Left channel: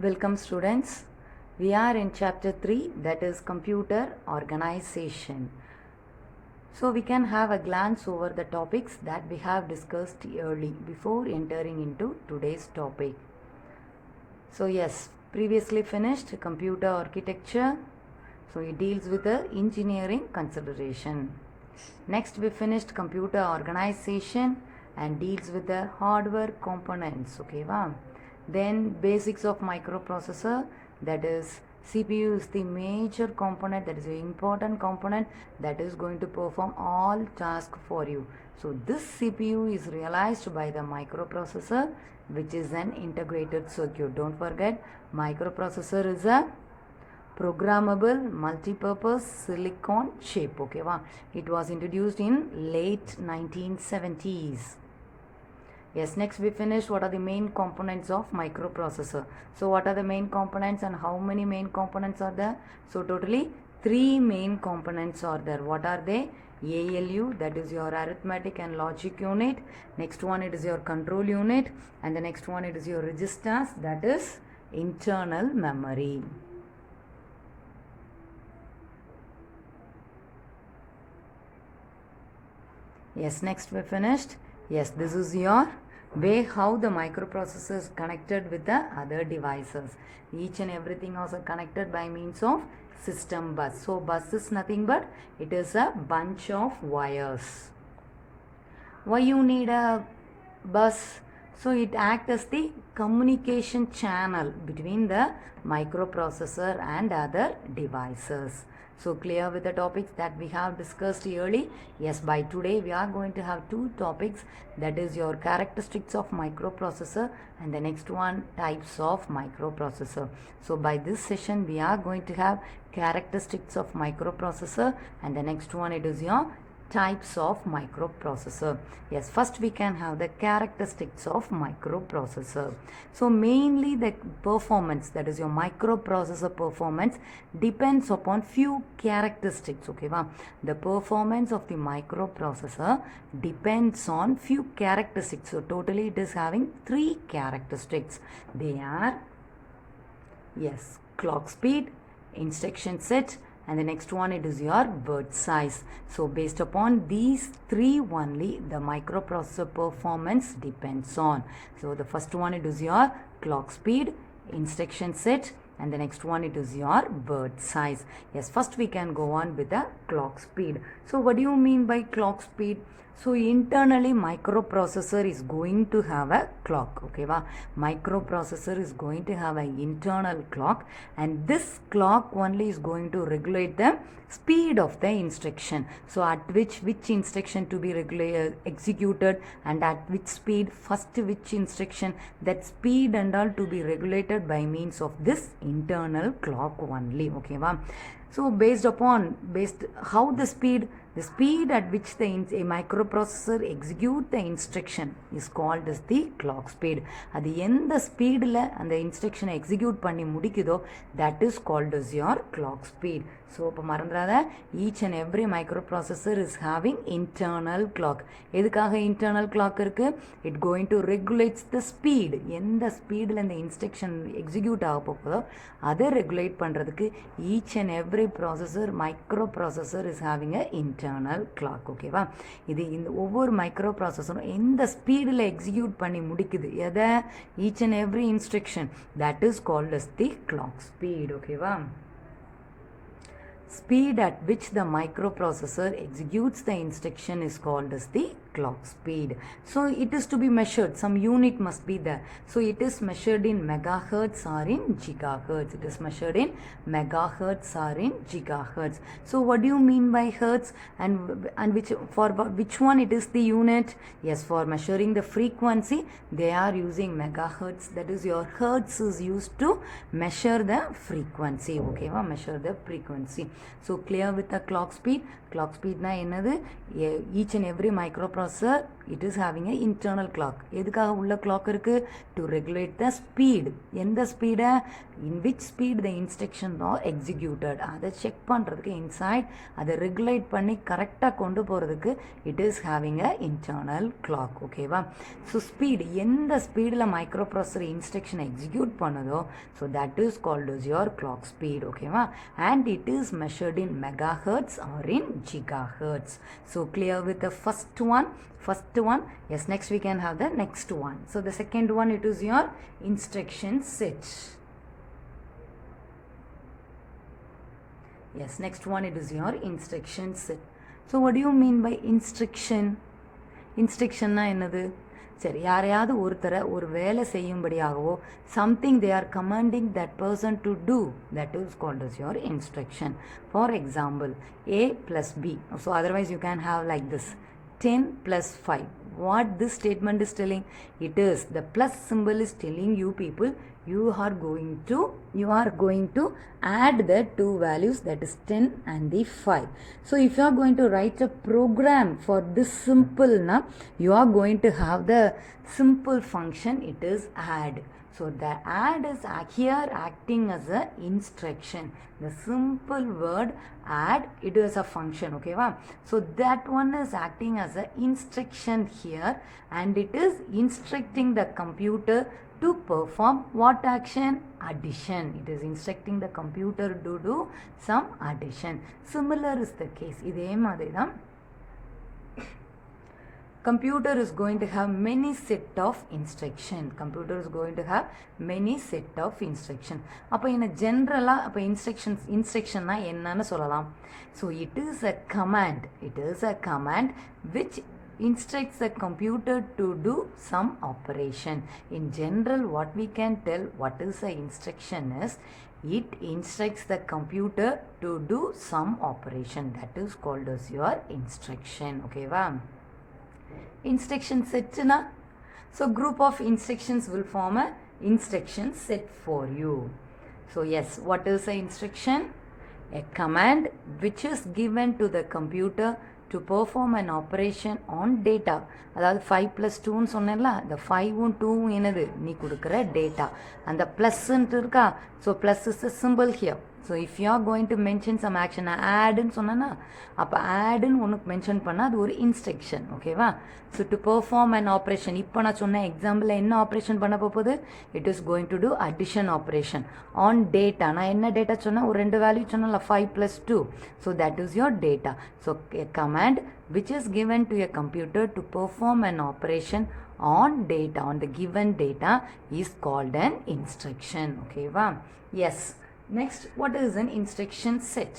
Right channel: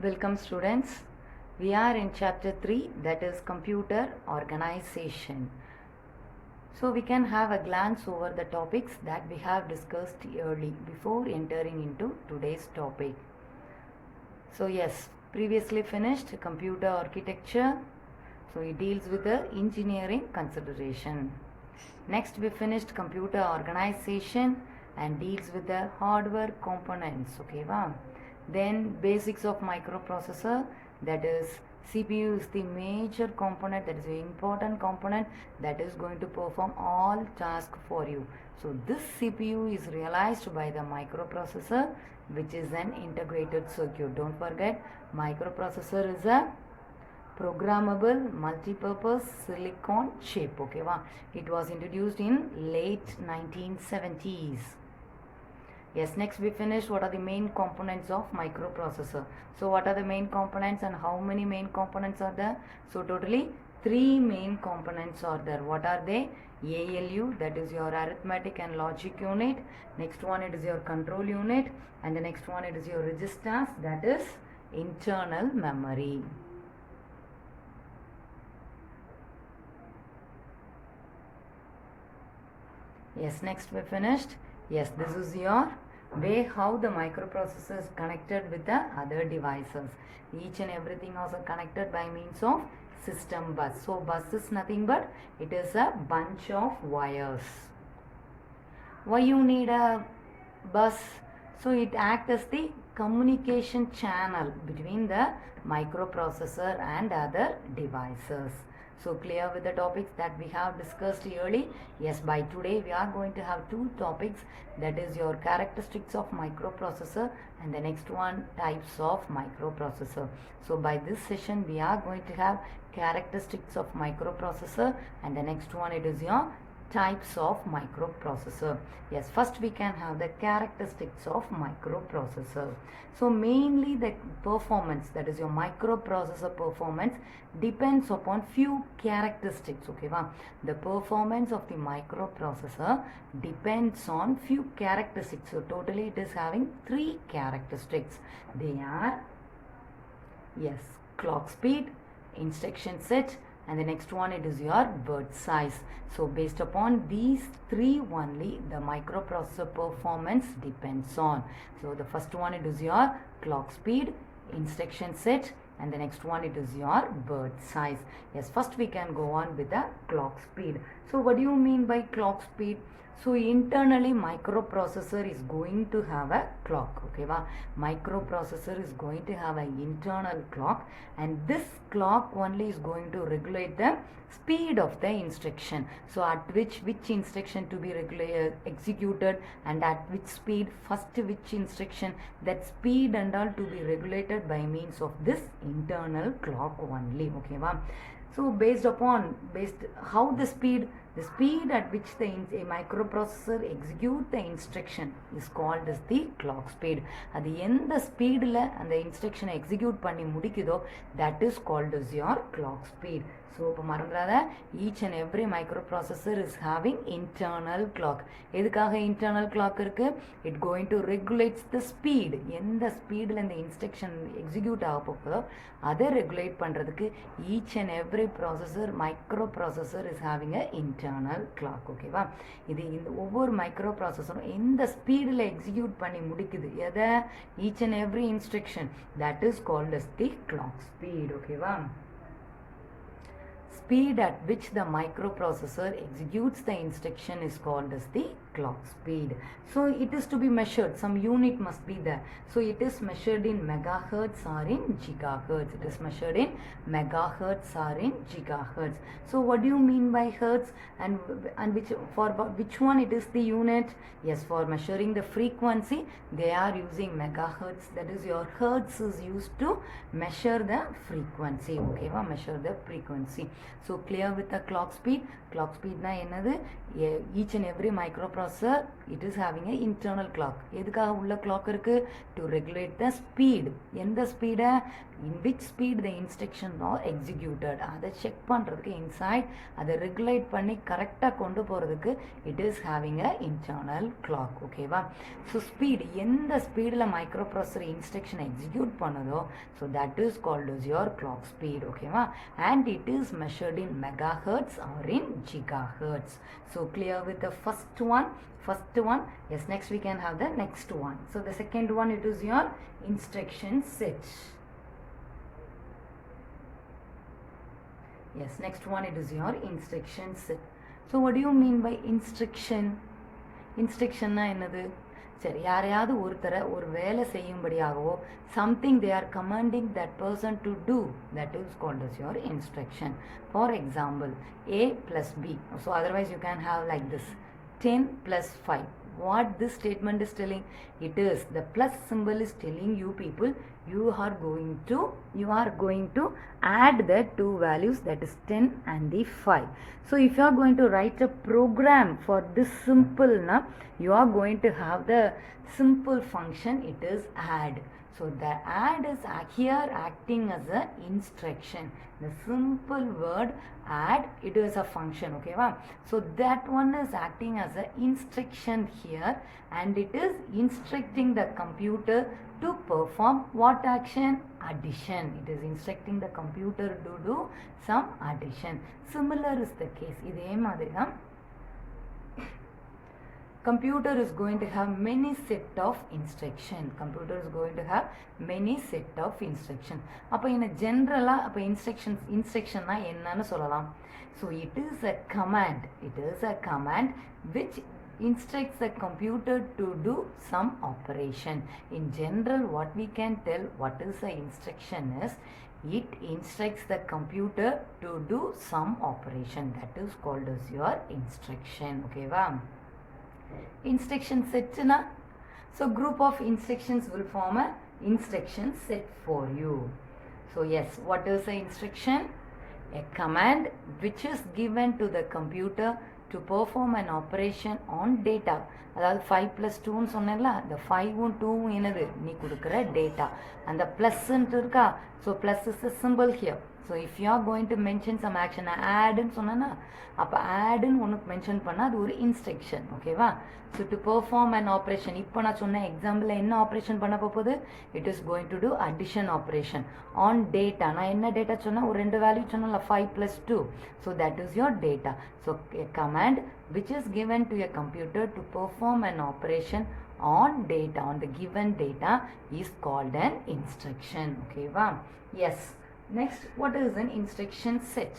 Welcome students. We are in chapter 3, that is computer organization. So we can have a glance over the topics that we have discussed early before entering into today's topic. So yes, previously finished computer architecture. So it deals with the engineering consideration. Next we finished computer organization and deals with the hardware components. Okay, wow. Then basics of microprocessor, that is CPU is the major component, that is the important component that is going to perform all tasks for you. So this CPU is realized by the microprocessor, which is an integrated circuit. Don't forget, microprocessor is a programmable multi-purpose silicon chip. Okay, wow. It was introduced in late 1970s. Yes, next we finished what are the main components of microprocessor. So what are the main components and how many main components are there? So totally 3 main components are there. What are they? ALU, that is your arithmetic and logic unit. Next one, it is your control unit. And the next one, it is your registers, that is internal memory. Yes, next we finished. Yes, this is your way how the microprocessor is connected with the other devices. Each and everything also connected by means of system bus. So bus is nothing but it is a bunch of wires. Why you need a bus? So it acts as the communication channel between the microprocessor and other devices. So clear with the topics that we have discussed early? Yes, by today we are going to have 2 topics, that is your characteristics of microprocessor and the next one types of microprocessor. So by this session we are going to have characteristics of microprocessor and the next one it is your types of microprocessor. Yes, first we can have the characteristics of microprocessor. So mainly the performance, that is your microprocessor performance, depends upon few characteristics. Okay, wow. The performance of the microprocessor depends on few characteristics. So totally it is having 3 characteristics. They are, yes, clock speed, instruction set, and the next one it is your word size. So based upon these 3 only the microprocessor performance depends on. So the first one it is your clock speed, instruction set, and the next one it is your word size. Yes, first we can go on with the clock speed. So what do you mean by clock speed? So internally microprocessor is going to have a clock. Okay, wow. Microprocessor is going to have an internal clock and this clock only is going to regulate the speed of the instruction. So at which instruction to be executed and at which speed, first which instruction, that speed and all to be regulated by means of this internal clock only. Okay, wow. So based how the speed at which a microprocessor execute the instruction is called as the clock speed. At the end the speed and the instruction execute panni mudikidho, that is called as your clock speed. So each and every microprocessor is having internal clock. எதுக்காக internal clock இருக்கு? It going to regulates the speed. எந்த ஸ்பீடில் இந்த instruction execute ஆக போகுதோ அதை regulate பண்ணுறதுக்கு each and every microprocessor is having a internal clock. ஓகேவா? இது இந்த ஒவ்வொரு மைக்ரோப்ராசஸரும் எந்த ஸ்பீடில் எக்ஸிக்யூட் பண்ணி முடிக்குது எதை? each and every instruction, that is called as the clock speed. ஓகேவா? Speed at which the microprocessor executes the instruction is called as the clock speed. So it is to be measured. Some unit must be there. So it is measured in megahertz or in gigahertz. It is measured in megahertz or in gigahertz. So what do you mean by hertz and for which one it is the unit? Yes, for measuring the frequency they are using megahertz. That is your hertz is used to measure the frequency. Okay, measure the frequency. So clear with the clock speed na என்னது each and every microprocessor it is having a internal clock எதுக்காக உள்ள clock இருக்கு to regulate the speed எந்த speed in which speed the instructions are executed அதை check பண்றதுக்கு inside அதை regulate பண்ணி கரெக்டா கொண்டு போறதுக்கு it is having a internal clock ஓகேவா so speed எந்த ஸ்பீட்ல microprocessor instruction execute பண்ணுதோ so that is called as your clock speed ஓகேவா and it is measured in megahertz or in gigahertz so clear with the first one yes next we can have the next one so the second one it is your instruction set yes next one it is your instruction set so what do you mean by instruction na என்னது சரி யாரையாவது ஒருத்தரை ஒரு வேலை செய்யும்படியாகவோ something they are commanding that person to do that is called as your instruction for example a plus b so otherwise you can have like this 10 plus 5 what this statement is telling it is the plus symbol is telling you people you are going to add the two values that is 10 and the 5 so if you are going to write a program for this simple na you are going to have the simple function it is add so the add is here acting as a instruction the simple word add it is a function okay va so that one is acting as a instruction here and it is instructing the computer to perform what action addition it is instructing the computer to do some addition similar is the case இதே மாதிரி தான் computer is going to have many set of instruction அப்ப in a general அப்ப instruction na என்னன்னு சொல்லலாம் so it is a command which instructs the computer to do some operation in general what we can tell what is the instruction is it instructs the computer to do some operation that is called as your instruction okay va instruction set na so group of instructions will form a instruction set for you so yes what is the instruction a command which is given to the computer to perform an operation on data அதாவது 5 plus 2 ன்னு சொன்னேன்ல the 5 2 என்னது நீ கொடுக்கிற data அந்த plus ன்னு இருக்கா so plus is the symbol here so if you are going to mention some action add ன்னு சொன்னேன்னா அப்ப add ன்னு ஒன்னு மென்ஷன் பண்ணா அது ஒரு instruction ஓகேவா so to perform an operation இப்போ நான் சொன்ன எக்ஸாம்பிள்ல என்ன ஆபரேஷன் பண்ண போகுது it is going to do addition operation on data நான் என்ன டேட்டா சொன்னா ஒரு ரெண்டு வேல்யூ சொன்னல 5 plus 2 so that is your data so a command which is given to a computer to perform an operation on data on the given data is called an instruction okay va yes next what is an instruction set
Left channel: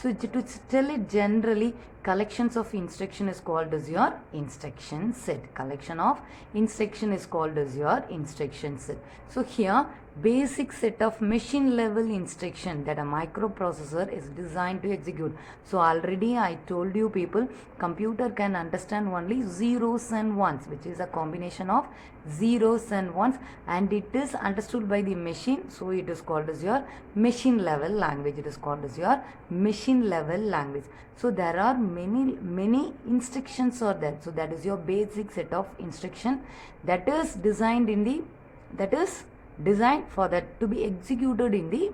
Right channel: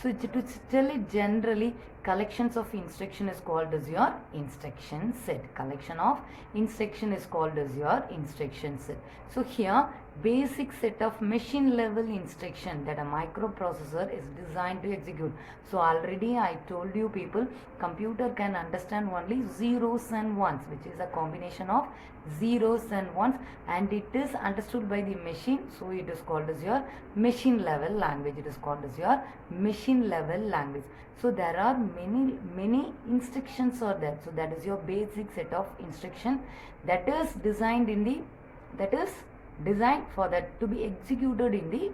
so to tell it generally collections of instruction is called as your instruction set collection of instruction is called as your instruction set so here basic set of machine level instruction that a microprocessor is designed to execute so already I told you people computer can understand only zeros and ones which is a combination of zeros and ones and it is understood by the machine so it is called as your machine level language so there are many instructions are there so that is your basic set of instruction that is designed for that to be executed in the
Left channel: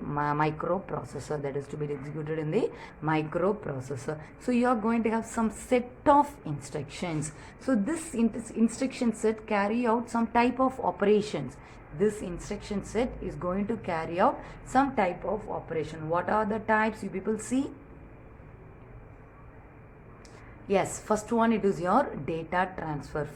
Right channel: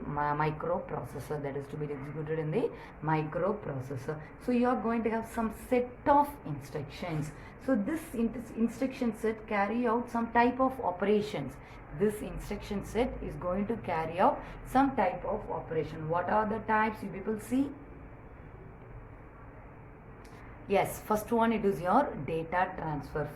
microprocessor so you are going to have some set of instructions so this instruction set carry out some type of operations this instruction set is going to carry out some type of operation what are the types you people see yes first one it is your data transfer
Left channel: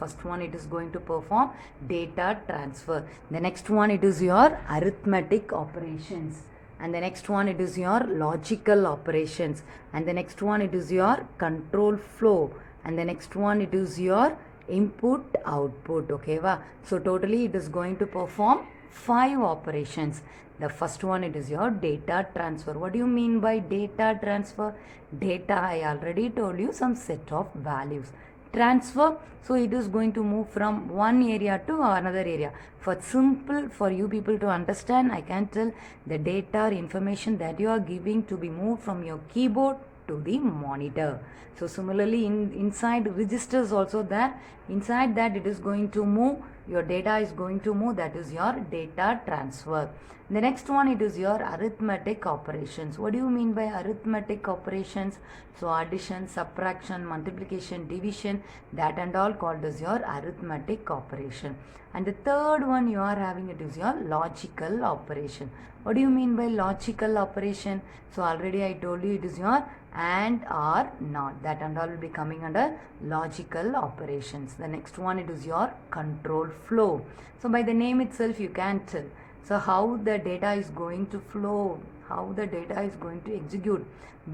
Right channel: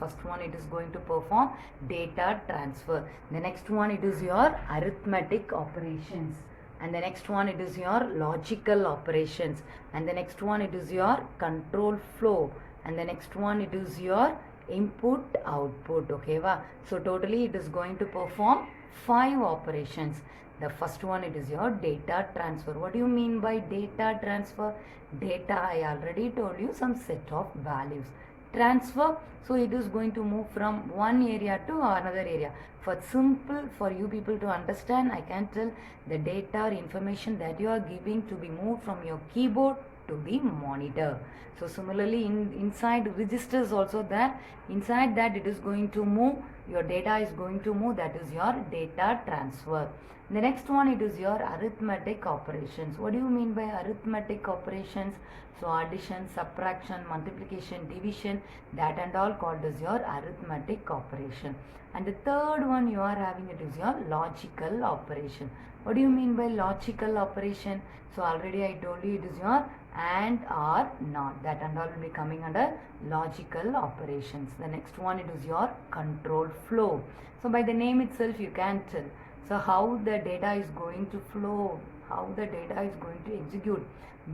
it is going to perform data transfer the next one it is your arithmetic operations and the next one it is your logical operations and the next one it is your control flow and the next one it is your input output okay va so totally it is going to perform 5 operations the first one it is your data transfer what do you mean by data transfer data I already told you some set of values transfer. So it is going to move from one area to another area. For simple, for you people to understand, I can tell the data or information that you are giving to be moved from your keyboard to the monitor. So similarly, inside registers also there, inside that it is going to move, your data is going to move, that is your data transfer. The next one, it is your arithmetic operations. What do you mean by arithmetic operations? So addition, subtraction, multiplication, division, that and all called as your arithmetic operation. And the third one you are having, it is your logical operation. What do you mean by logical operation? So already I told you it is your and, or, not. That and all will be coming under logical operations. The next one, it is your control flow. So by the name itself you can tell. So how the data is going to flow, how the data is going to execute,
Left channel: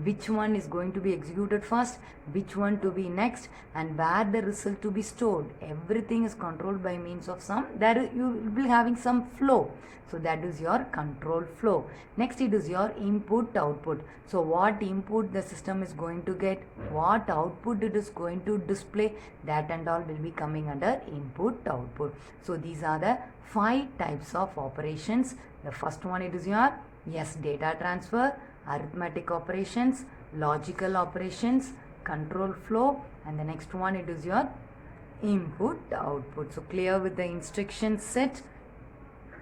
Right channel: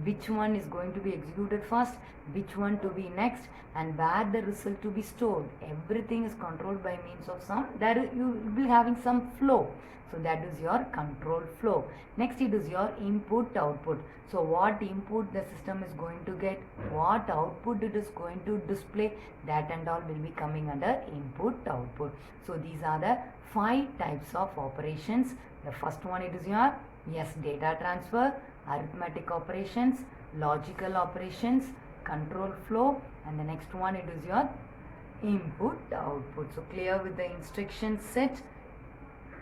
which one is going to be executed first, which one to be next, and where the result to be stored. Everything is controlled by means of some, there you will be having some flow. So that is your control flow. Next, it is your input output. So what input the system is going to get, what output it is going to display, that and all will be coming under input output. So these are the 5 types of operations. The first one, it is your data transfer, arithmetic operations, logical operations, control flow, and the next one, it is your input output. So clear with the instruction set.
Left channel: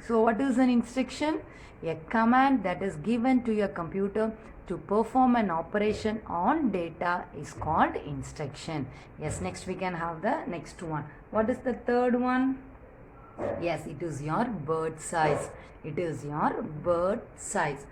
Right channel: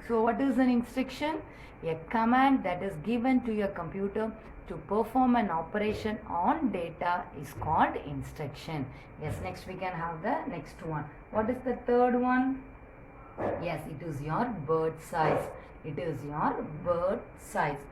So what is an instruction? A command that is given to your computer to perform an operation on data is called instruction. Yes, next we can have the next one. What is the third one? Yes, it is your word size. It is your word size.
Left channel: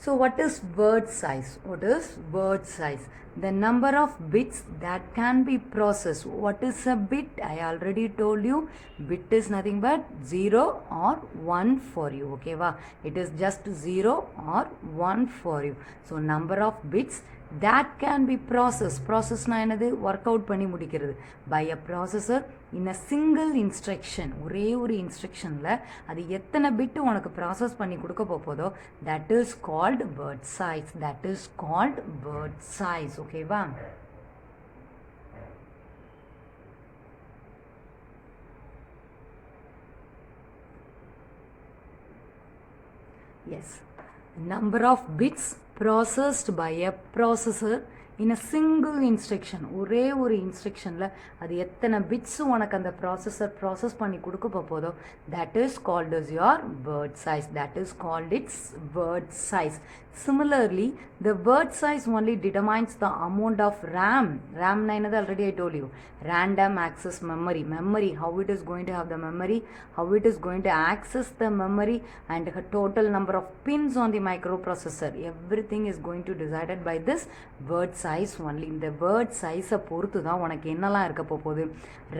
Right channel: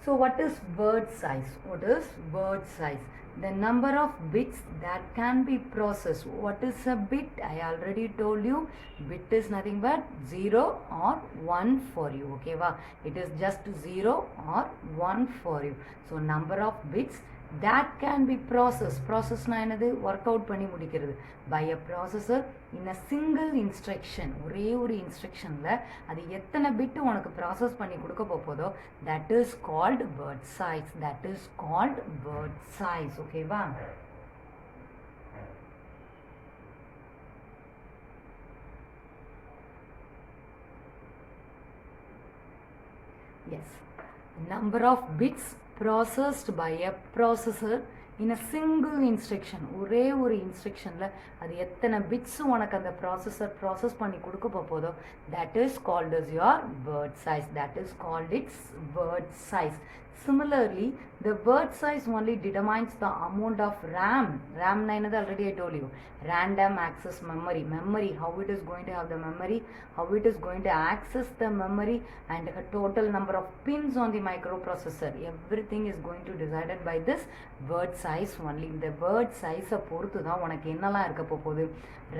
So what is word size? What is word size? The number of bits that can be processed. What is a bit? I already told you, bit is nothing but 0 or 1 for you. Okay, wow. It is just 0 or 1 for you. So number of bits that can be processed. Process na enadhu work out பண்ணி முடிக்கிறது by a processor in a single instruction. ஒரே ஒரு instructionல அது எத்தனை bit உனக்கு process பண்ணி கொடுக்க போகுதோ, that is called word size. That is called word size. Okay வா? Yes, number of bits processed by a processor in a single instruction. ஒரே ஒரு இன்ஸ்ட்ரக்ஷனில் அது எத்தனை பிட்ஸ் உனக்கு அந்த ப்ராசஸர் ப்ராசஸ் பண்ணி கொடுக்க போதோ, that is called as your word size. That is called its word size. Similarly, the word size only determines the amount of RAM. RAM na enadhu already I told you. Random access memory. Memory, how it is going to have the memory, how it is going to access the memory, and the total number of pins on the microprocessor. Everything is going to be decided by this word size only. The word size பொறுத்து தான் உனக்கு என்னெல்லாம் இருக்க போகுது.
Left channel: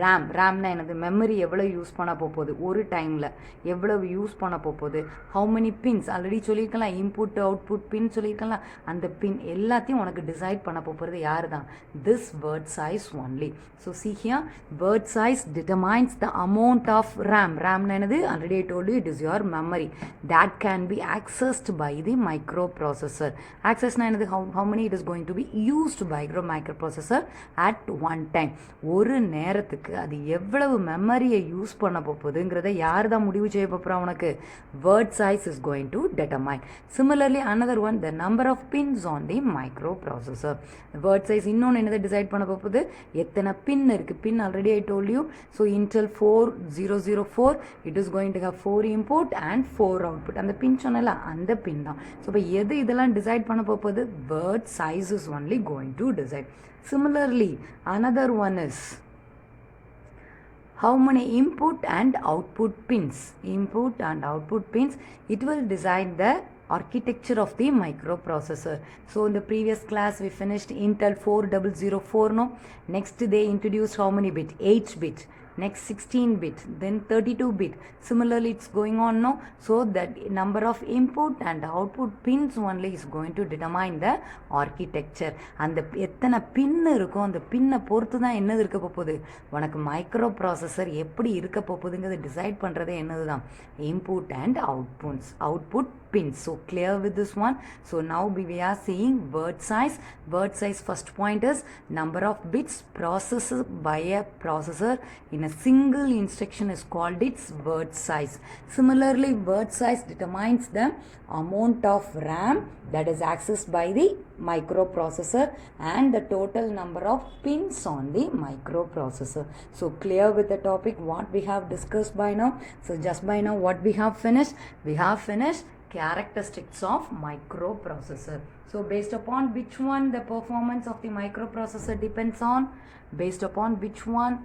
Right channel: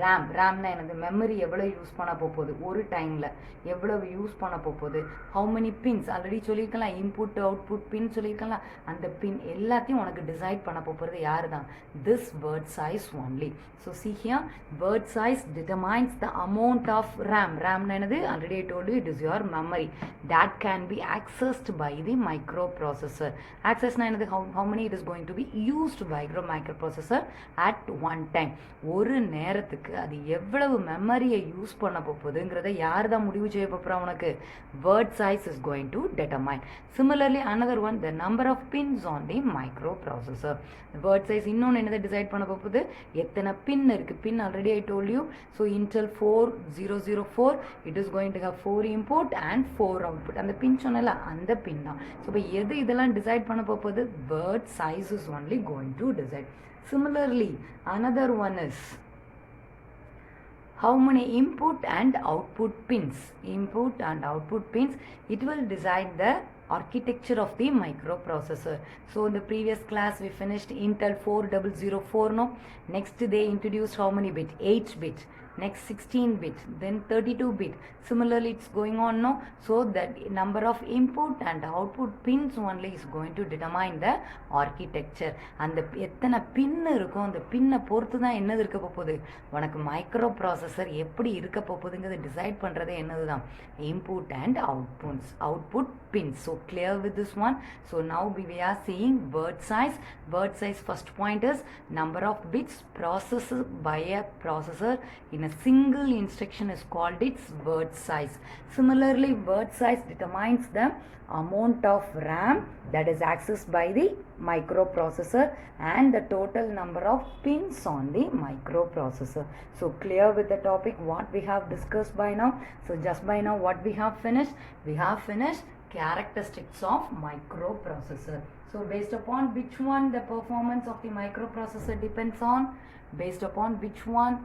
ரேம்னா என்னது, memory எவ்வளோ use பண்ண போகுது, ஒரு டைமில் எவ்வளவு யூஸ் பண்ண போகுது, ஹவு மெனி பின்ஸ் ஆல்ரெடி சொல்லியிருக்கலாம், இன்புட் அவுட்புட் பின் சொல்லியிருக்கலாம், அந்த பின் எல்லாத்தையும் உனக்கு டிசைட் பண்ண போகிறது யார் தான், this word size only. So see here, word size determines the amount of RAM. ரேம்னா என்னது, already I told you, it is your memory that can be accessed by the microprocessor. Accessனா என்னது, how many it is going to be used by the microprocessor at one time. ஒரு நேரத்துக்கு அது எவ்வளவு மெமரியை use பண்ண போகுதுங்கிறத யார் தான் முடிவு செய்ய போகிறா உனக்கு, word size is going to determine. Similarly, another one, the number of pins on the microprocessor. The word size இன்னொன்று என்னதை டிசைட் பண்ண போகுது, எத்தனை பின் இருக்குது. பின் already I told you. So Intel 4004, it is going to have 4 input and 4 output. அந்த பின் சொன்னல அந்த பின் தான். So இப்போ எது இதெல்லாம் டிசைட் பண்ண போகுது, word size is only going to decide. Similarly, another one is how many input and output pins. Input and output pins, it will decide the architecture of the microprocessor. So in the previous class we finished Intel 4004, no? Next they introduced how many bit? 8 bit. next 16 bits, then 32 bit. Similarly, it's going on now. So that number of input and output pins only is going to determine the architecture. And the எத்தனை பின் இருக்கும் அந்த பின்னை பொறுத்து தான் என்னது இருக்க போகுது உனக்கு மைக்ரோ ப்ராசஸர் எப்படி இருக்க போகுதுங்கிறத டிசைட் பண்ணுறதே என்னது தான் input and output pins. So clear with this one. So now we are seeing word size. Word size first point is number of bits processed by a processor in a single instruction is called its word size. Similarly, word size determines the amount of RAM that is accessed by the microprocessor and the total number of pins on the microprocessor. So clear with the topic what we have discussed by now. So just by now what we have finished? We have finished characteristics of microprocessor. So based upon which one the performance of the microprocessor depends on? Based upon which one?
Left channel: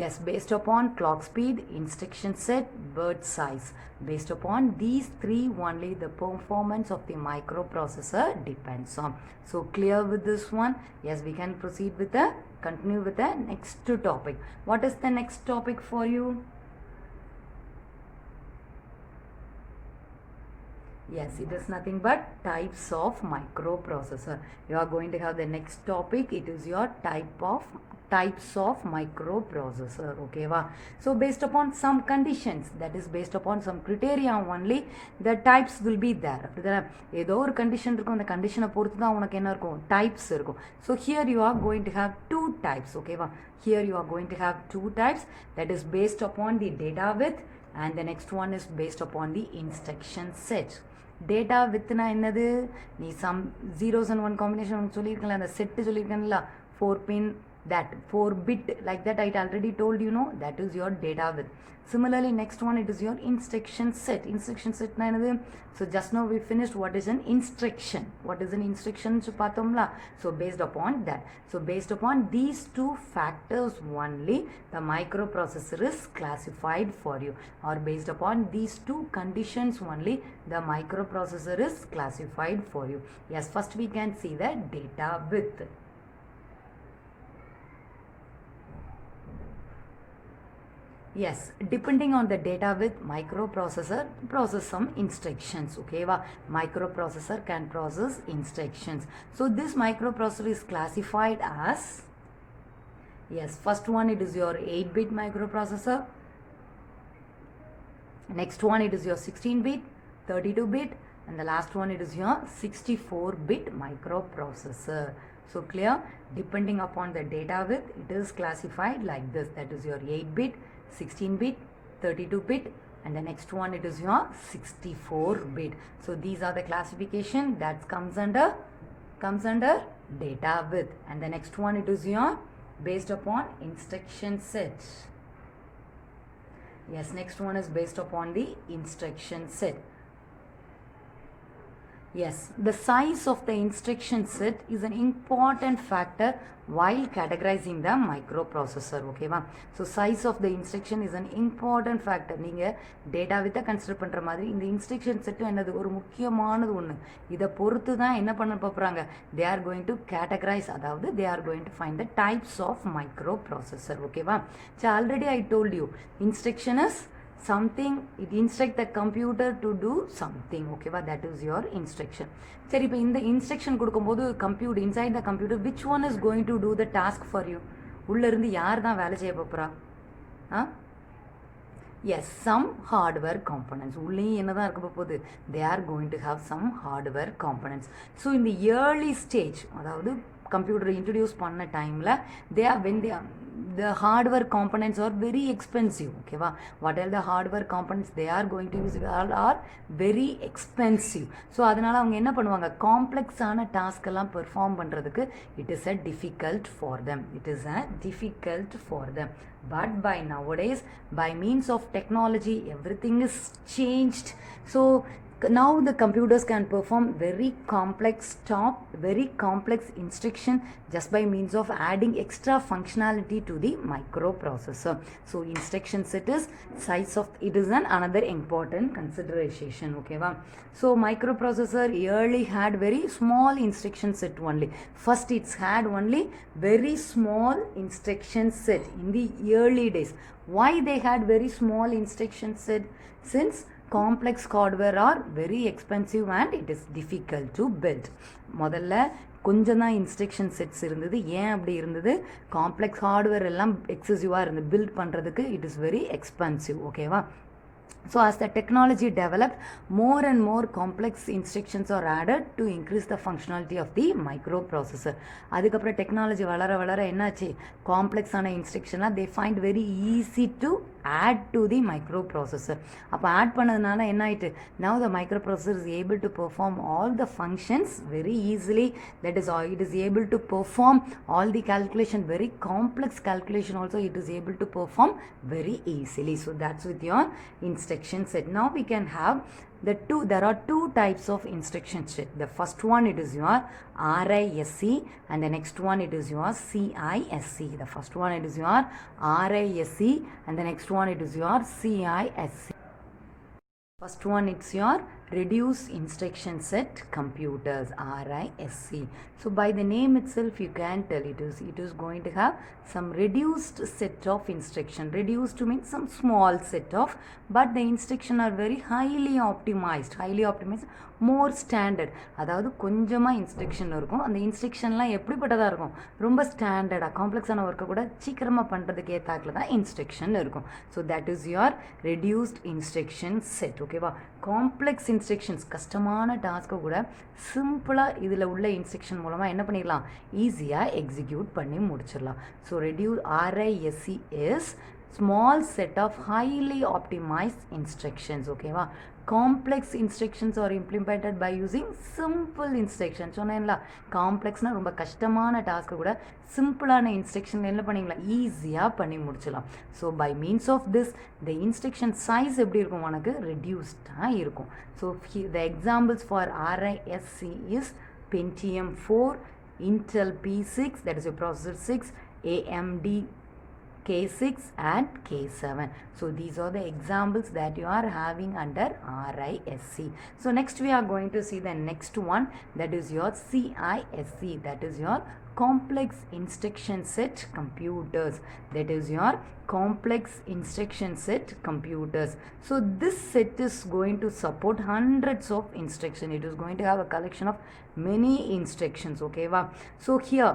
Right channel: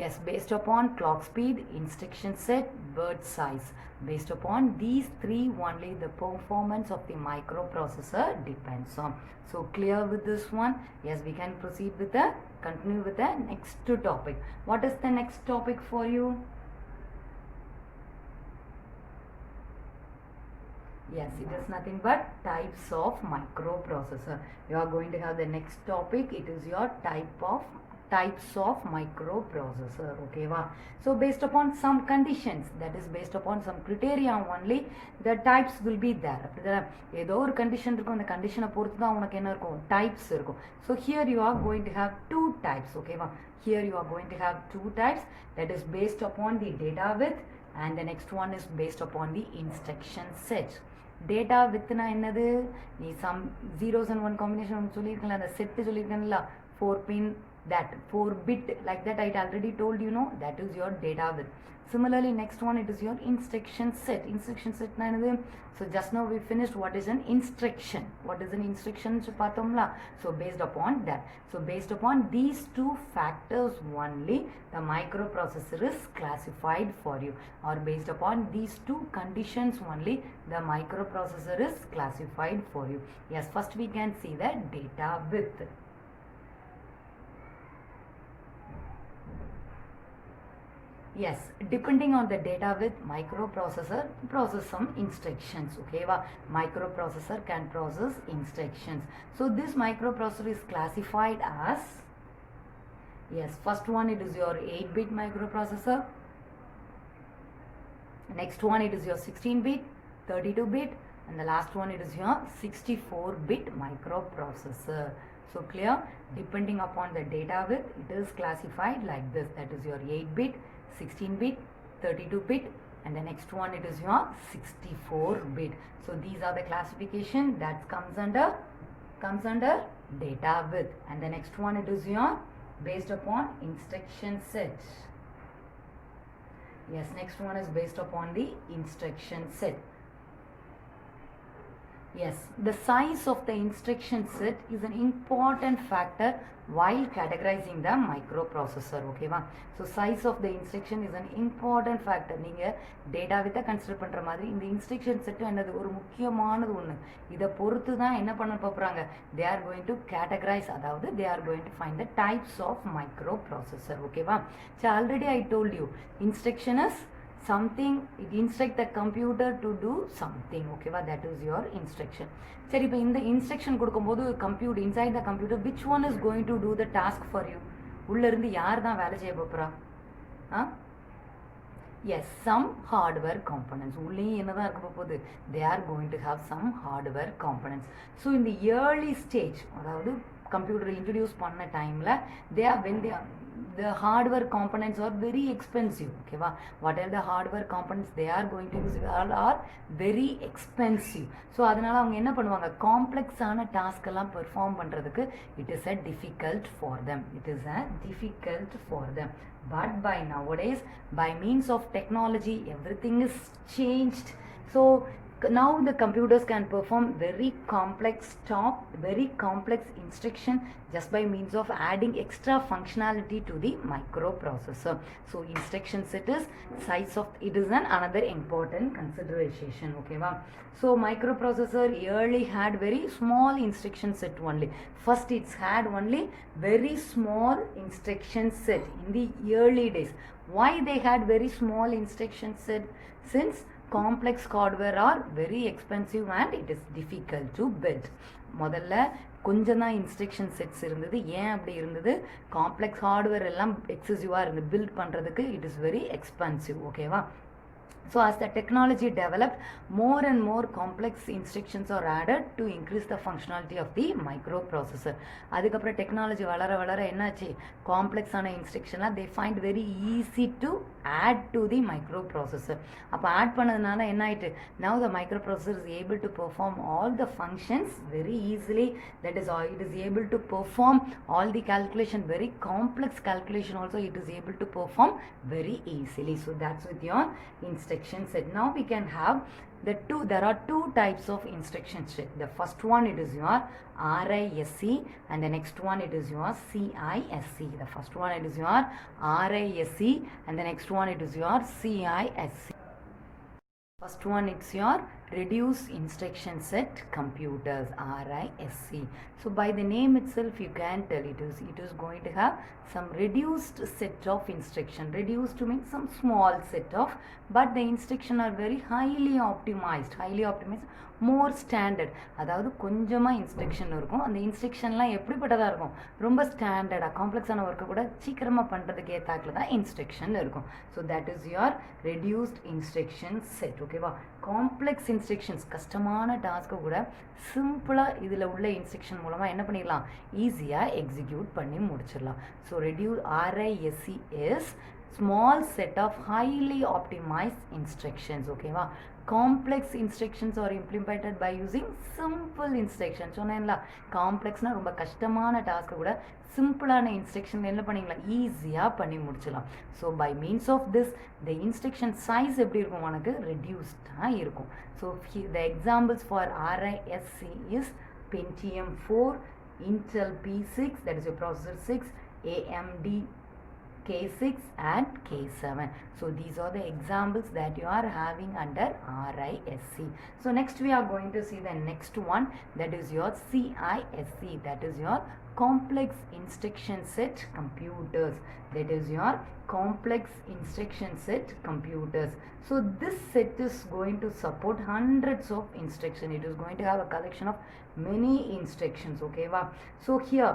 Yes, based upon clock speed, instruction set, word size. Based upon these three only the performance of the microprocessor depends on. So clear with this one? Yes, we can proceed with the continue with the next topic. What is the next topic for you? Yes, it is nothing but types of microprocessor. You are going to have the next topic. It is your types of microprocessor. Okay va? So based upon some conditions, that is based upon some criteria only, the types will be there. ஏதோ ஒரு condition இருக்கும் அந்த கண்டிஷனை பொறுத்து தான் உனக்கு என்ன இருக்கும் டைப்ஸ் இருக்கும். So here you are going to have two types. Okay va? Here you are going to have two types, that is based upon the data width, and the next one is based upon the instruction set. Data width na என்னது நீ some zeros and one combination சொல்லியிருக்கல அந்த set சொல்லியிருக்கேன்ல 4 pin that 4 bit like that I already told you know that is your data width. Similarly next one it is your instruction set. Instruction set na என்னது so just now we finished what is an instruction. What is an instruction பார்த்தோம்ல. So based upon that, so based upon these two factors only the microprocessor is classified for you, or based upon these two conditions only the microprocessor is classified for you. Yes, first we can see the data width. Yes, depending on the data width, microprocessor process some instructions. Okay, microprocessor can process instructions. So this microprocessor is classified as, yes, first one it is your 8-bit microprocessor. Next one it is your 16-bit, 32-bit, and the last one it is your 64-bit microprocessor. So clear? Depending upon the data width, it is classified like this. That is your 8-bit, 16-bit, 32-bit, and the next one it is your 64-bit. So these are the classification that comes under data width, and the next one it is your based upon instruction set. Yes, next one is based upon the instruction set. Yes, the size of the instruction set is an important factor while categorizing the microprocessor. Okay va? So size of the instruction is an important factor. நீங்க data with consider பண்ற மாதிரி இந்த instruction set என்னது ஒரு முக்கியமானது ஒன்று. இதை பொறுத்து தான் என்ன பண்ண போறாங்க, they are going to categorize, அதாவது they are going to find the types of microprocessor. Okay va? So already I told you instruction is something, it instruct the computer to do something. Okay va? That is your instruction. சரி, இப்போ இந்த instruction கொடுக்கும்போது computer inside the computer which one is going to do the task for you? உள்ளேருந்து யார் தான் வேலை செய்ய போகிறா? Yes, some hardware components. உள்ளேயும் என்ன தான் இருக்க போகுது? They are going to have some hardware components. So இந்த ஏர்லி ஸ்டேஜ், அதாவது கம்ப்யூட்டர் இன்ட்ரடியூஸ் பண்ண டைமில் the hardware components are very expensive. Okay va? What are the hardware components they are going to use are very expensive. So அதனால அவங்க என்ன பண்ணுவாங்க, காம்ப்ளெக்ஸான task எல்லாம் perform பண்ணுறதுக்கு it is a difficult for them. But by nowadays, by means of technology, everything is changed. So Now the computers can perform very complex instruction just by means of adding extra functionality to the microprocessor. So instruction set is size of it is another important consideration. Okay, wow. So microprocessor early had very small instruction set only. First it's had only very small instruction set in the early days. Why they had very small instruction set? Since complex hardware are very expensive and it is difficult to build. முதல்ல கொஞ்சம் தான் instruction sets இருந்தது. ஏன் அப்படி இருந்தது? Complex hardware எல்லாம் எக்ஸசிவாக இருந்தது. Build பண்ணுறதுக்கு இட் இஸ் வெரி எக்ஸ்பென்சிவ். ஓகேவா? So as the technology developed, more and more complex instructions are added to increase the functionality of the microprocessor. அதுக்கப்புறம் டெக்னாலஜி வளர வளர என்னாச்சு? காம்ப்ளெக்ஸான இன்ஸ்ட்ரக்ஷன்லாம் they find very easy to add to the microprocessor. அப்போ add பண்ணதுனால என்ன ஆயிட்டு? Now the microprocessor is able to perform all the functions very easily. That is, it is able to perform all the calculation, very complex calculation also it is able to perform very easily. So that's with your instruction set. Now we can have there are two types of instruction set. The first one it is your RISC and the next one it is your CISC. The first one it is your RISC and the next one it is your CISC. First one it's your reduced instruction set computers, RISC. So by the name itself you can tell it is going to have some reduced set of instruction. Reduced means some small set of, but the instruction are very highly optimized, more standard. அதாவது கொஞ்சமாக instruction இருக்கும். அந்த இன்ஸ்ட்ரக்ஷன்லாம் எப்படிப்பட்டதாக இருக்கும்? ரொம்ப ஸ்டாண்டர்டாக காம்ப்ளெக்ஸான ஒர்க்கை கூட சீக்கிரமாக பண்ணுறதுக்கு ஏற்றாக்கில் தான் இன்ஸ்ட்ரக்ஷன் இருக்கும். So that is your reduced instruction set. ஓகேவா? காம்ப்ளெக்ஸ் இன்ஸ்ட்ரக்ஷன்ஸ் கஷ்டமான டாஸ்க்கை கூட சிம்பிளாக இதில் உள்ள இன்ஸ்ட்ரக்ஷன் மூலமாக என்ன பண்ணிடலாம்? ஈஸியாக எக்ஸிக்யூட் பண்ணி முடிச்சிடலாம். So RISC is small set of highly optimized instructions. ஓகேவா? complex instructions are implemented by using simple instructions. சொன்னேன்ல காம்ப்ளெக்ஸ்னா ரொம்ப கஷ்டமான டாஸ்க்கு கூட சிம்பிளான இன்ஸ்ட்ரக்ஷன் என்ன பண்ணிக்கலாம்? ஈஸியாக பண்ணி முடிச்சிடலாம். So by means of this the instruction size எப்படி இருக்கும்? உனக்கு ரெடியூஸ்டாக இருக்கும். So the examples for RISC is Pentium 4, Intel P6, that is your processor 6, AMD K6 and K7. So these are the examples that you are having under RISC. So next we are going to see the next one, that is your CISC, that is your complex instruction set computers. That is your complex instruction set computers. So this set is going to support hundreds of instructions. It is going to have a collection of many instructions. Okay, wow. So here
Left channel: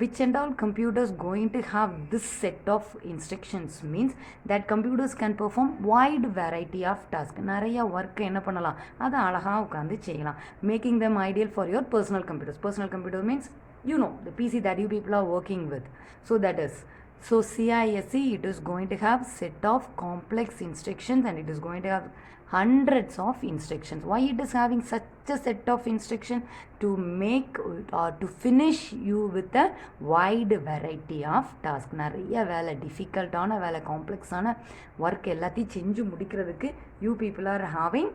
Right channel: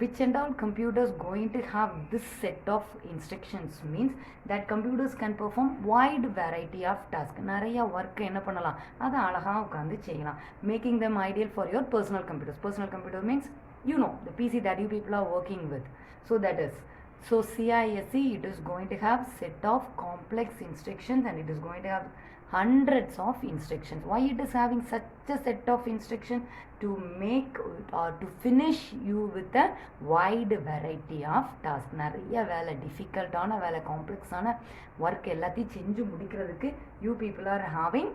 which and all computers going to have this set of instructions means that computers can perform wide variety of tasks. நிறைய work என்ன பண்ணலாம்? அதை அழகாக உட்காந்து செய்யலாம். Making them ideal for your personal computers. Personal computer means you know the PC that you people are working with. So that is, so CISC it is going to have set of complex instructions and it is going to have hundreds of instructions. Why it is having such a set of instructions? To make or to finish you with a wide variety of tasks. நிறைய வேலை டிஃபிகல்ட்டான வேலை காம்ப்ளெக்ஸான work எல்லாத்தையும் செஞ்சு முடிக்கிறதுக்கு you people are having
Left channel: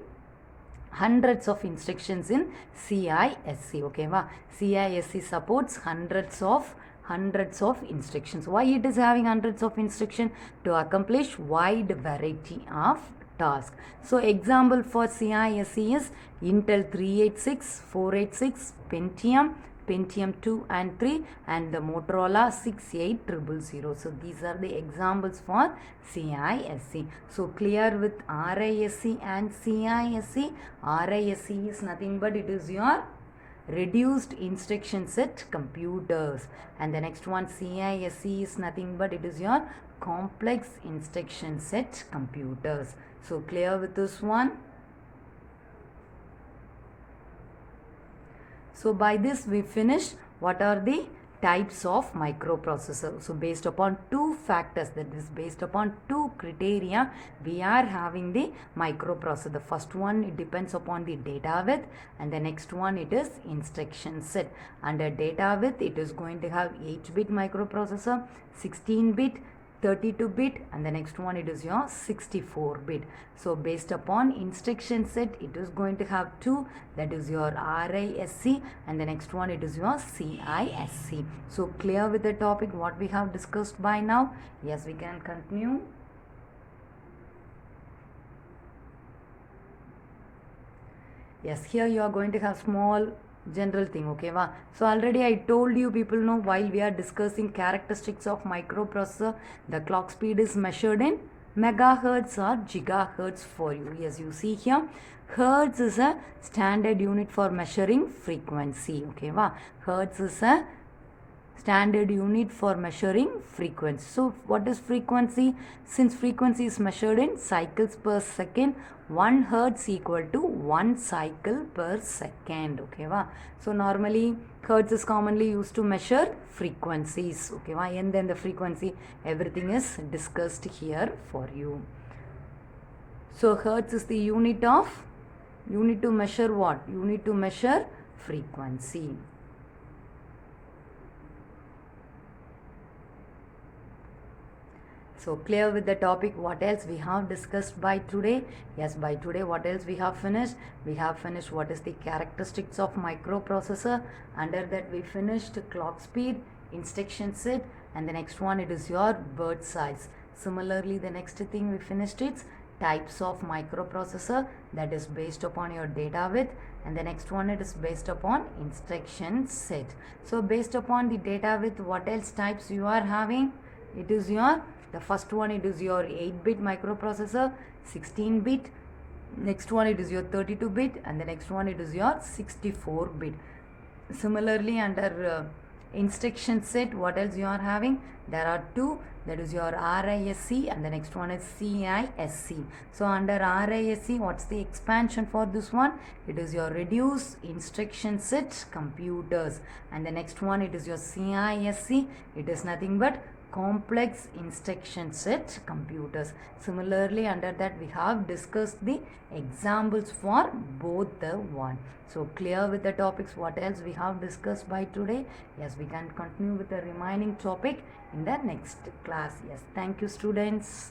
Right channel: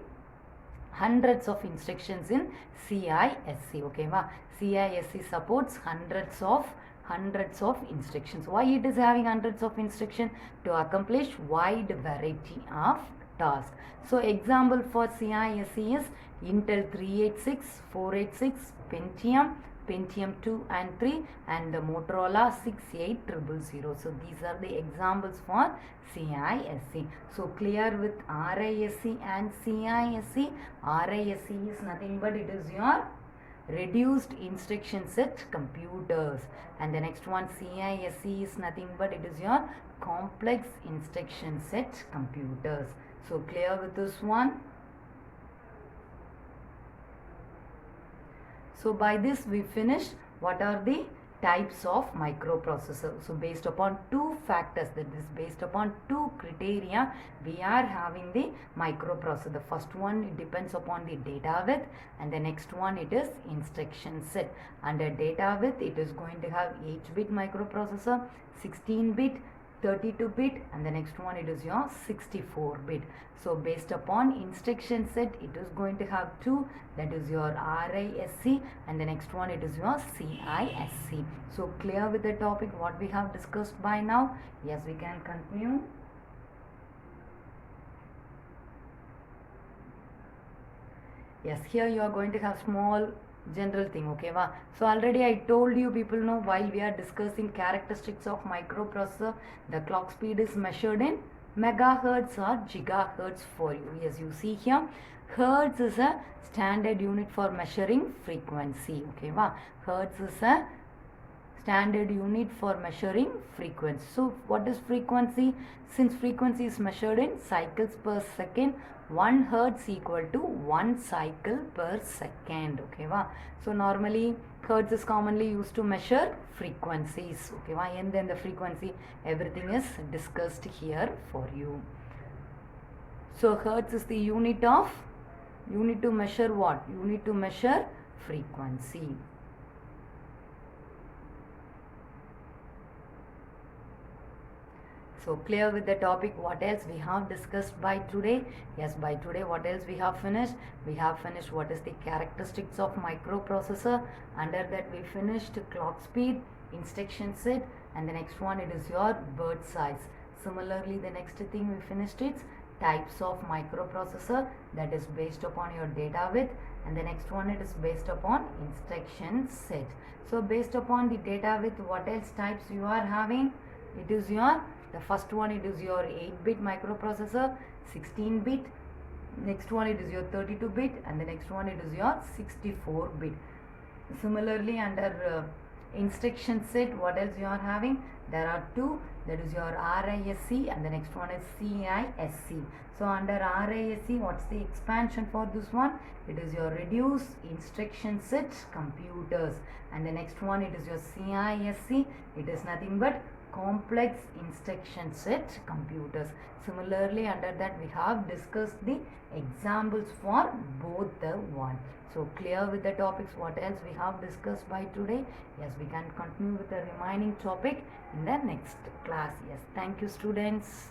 hundreds of instructions in CISC. Okay, wow. CISC supports hundreds of instructions. Why it is having hundreds of instructions? To accomplish wide variety of tasks. So example for CISC is Intel 386, 486, Pentium 2 and 3 and the Motorola 68000. So these are the examples for CISC. So clear with RISC and CISC. RISC is nothing but it is your reduced instruction set computers, and the next one CISC is nothing but it is your complex instruction set computers. So clear with this one? So by this we finished what are the types of microprocessor. So based upon two factors, that is based upon two criteria, we are having the microprocessor. The first one it depends upon the data width and the next one it is instruction set. Under data width it is going to have 8-bit microprocessor, 16-bit, 32-bit, and the next one it is your 64-bit. So based upon instruction set, it is going to have two, that is your RISC, and the next one it is your CISC. So clear with the topic what we have discussed by now? Yes, we can continue. Yes, here you are going to have small general thing, okay va? So already I told you people know, while we are discussing characteristics of microprocessor, the clock speed is measured in megahertz or gigahertz for you. Yes, you see here, hertz is a standard unit for measuring frequency, okay va? Hertz is a standard unit for measuring frequency. So what is frequency? Since frequency is measured in cycles per second, 1 hertz equal to 1 cycle per second, okay va? So normally hertz is commonly used to measure frequencies, okay va? And then the frequency, everything is discussed here for you. So hertz is the unit to measure what? Unit to measure frequency. So clear with the topic, what else we have discussed by today? Yes, by today what else we have finished? We have finished what is the characteristics of microprocessor. Under that we finished clock speed, instruction set, and the next one it is your bird size. Similarly, the next thing we finished is types of microprocessor, that is based upon your data width, and the next one it is based upon instruction set. So based upon the data width, what else types you are having? It is your, the first one it is your 8-bit microprocessor, 16-bit, next one it is your 32-bit, and the next one it is your 64-bit. Similarly, under instruction set, what else you are having? There are two, that is your RISC, and the next one is CISC. So under RISC, what's the expansion for this one? It is your reduced instruction set computers, and the next one it is your CISC. It is nothing but complex instruction set computers. Similarly, under that we have discussed the examples for both the one. So clear with the topics, what else we have discussed by today? Yes, we can continue with the remaining topic in the next class. Yes, thank you students.